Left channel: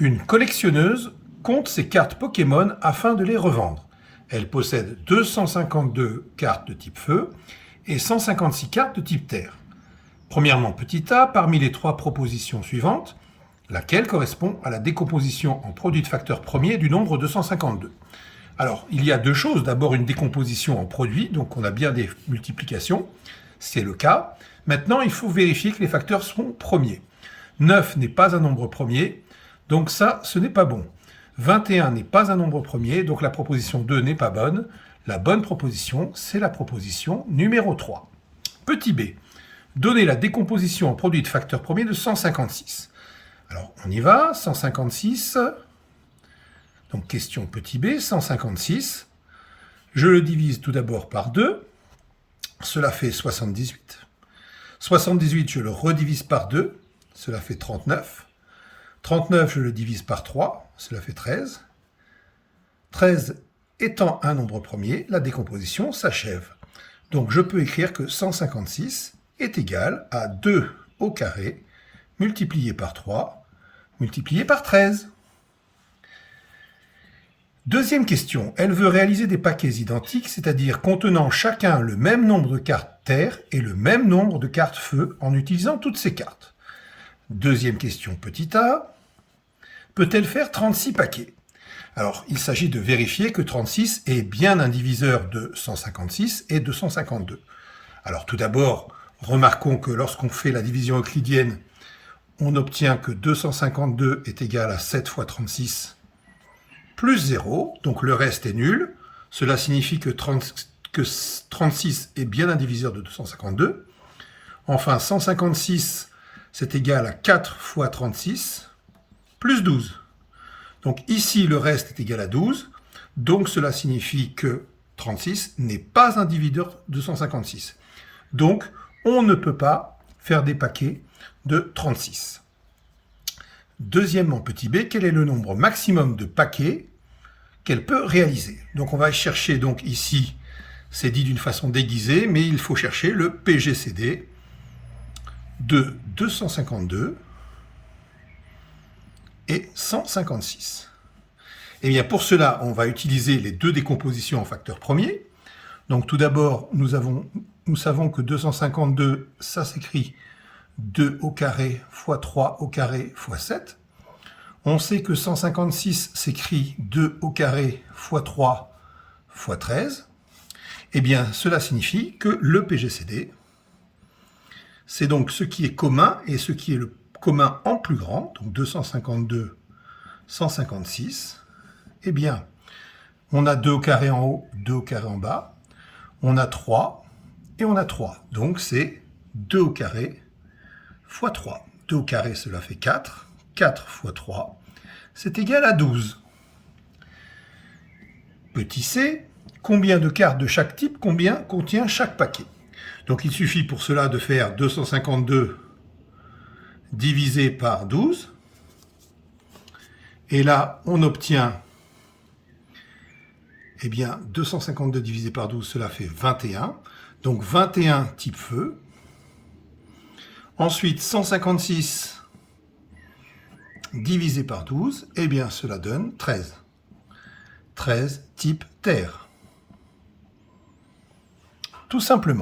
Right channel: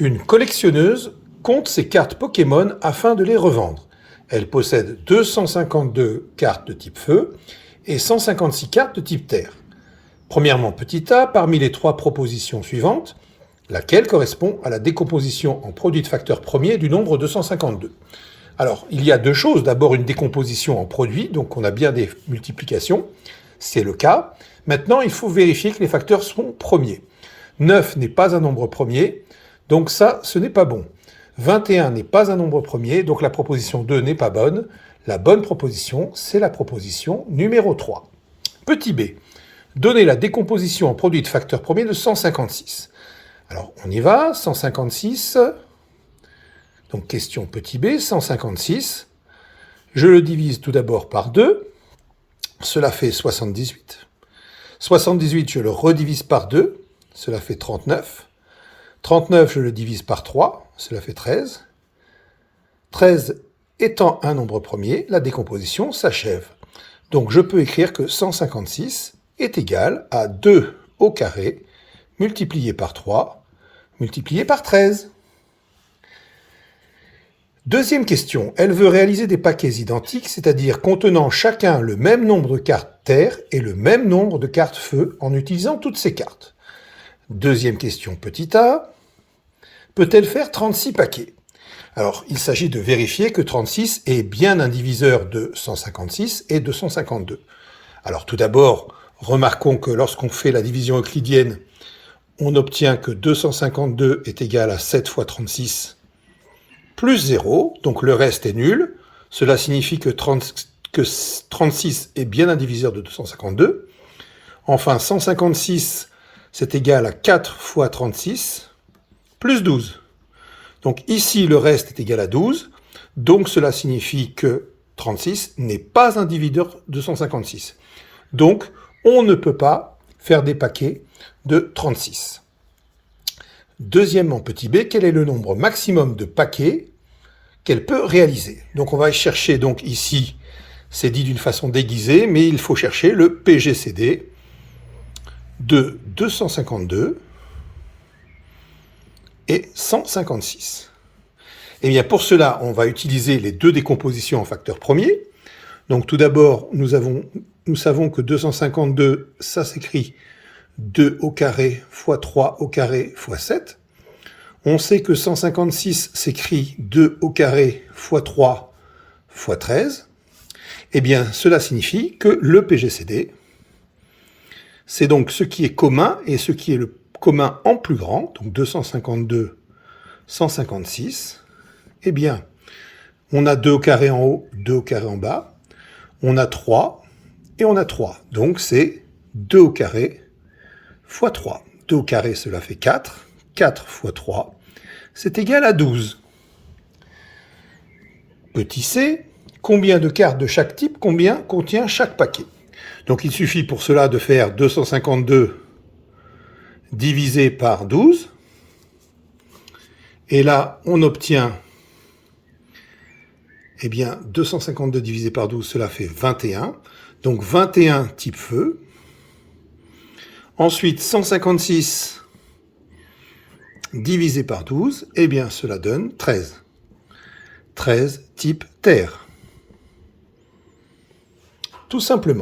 Une collectionneuse compte ses cartes Pokémon afin de les revendre. Elle possède 252 cartes de type feu et 156 cartes de type terre. Premièrement, petit a, parmi les trois propositions suivantes, laquelle correspond à la décomposition en produit de facteur premier du nombre 252? Alors, il y a deux choses. D'abord, une décomposition en produit, donc on a bien des multiplications, c'est le cas. Maintenant, il faut vérifier que les facteurs sont premiers. 9 n'est pas un nombre premier, donc ça, ce n'est pas bon. 21 n'est pas un nombre premier, donc la proposition 2 n'est pas bonne. La bonne proposition, c'est la proposition numéro 3. Petit b, donner la décomposition en produit de facteur premier de 156. Alors, on y va, 156... Donc, question petit b, 156. Je le divise tout d'abord par 2. Cela fait 78. 78, je le redivise par 2. Cela fait 39. 39, je le divise par 3. Cela fait 13. 13 étant un nombre premier, la décomposition s'achève. Donc, je peux écrire que 156 est égal à 2 au carré multiplié par 3 multiplié par 13. Deuxième question, elle veut réaliser des paquets identiques, c'est-à-dire contenant chacun le même nombre de cartes terre et le même nombre de cartes feu en utilisant toutes ces cartes. Deuxième question, petit a, peut-elle faire 36 paquets? Alors, il s'agit de vérifier que 36 est bien un diviseur de 156 et 252. Alors, tout d'abord, remarquons que lorsqu'on fait la division euclidienne, on obtient que 252 est égal à 7 fois 36 plus 0, donc le reste est nul. Cela signifie que 36 est bien un diviseur de 252. Enfin, 156, c'est égal à 4 fois 36, plus 12. Donc ici, le reste est égal à 12. Donc cela signifie que 36 n'est pas un diviseur de 156. Donc, on ne peut pas faire des paquets de 36. Deuxièmement, petit b, quel est le nombre maximum de paquets qu'elle peut réaliser? Donc on va chercher, donc ici, c'est dit d'une façon déguisée, mais il faut chercher le PGCD de 252 et 156. Et bien pour cela, on va utiliser les deux décompositions en facteur premier. Donc tout d'abord, nous savons que 252, ça s'écrit 2 au carré fois 3 au carré fois 7. On sait que 156 s'écrit 2 au carré fois 3 fois 13. Eh bien, cela signifie que le PGCD, c'est donc ce qui est commun et ce qui est le commun en plus grand, donc 252, 156. Eh bien, on a 2 au carré en haut, 2 au carré en bas. On a 3 et on a 3. Donc, c'est 2 au carré fois 3. 2 au carré, cela fait 4. 4 fois 3, c'est égal à 12. Petit c, combien de cartes de chaque type contient chaque paquet? Donc il suffit pour cela de faire 252 divisé par 12. Et là, on obtient, eh bien, 252 divisé par 12, cela fait 21. Donc 21 type feu. Ensuite, 156 divisé par 12, eh bien, cela donne 13. 13 type terre. Tout simplement.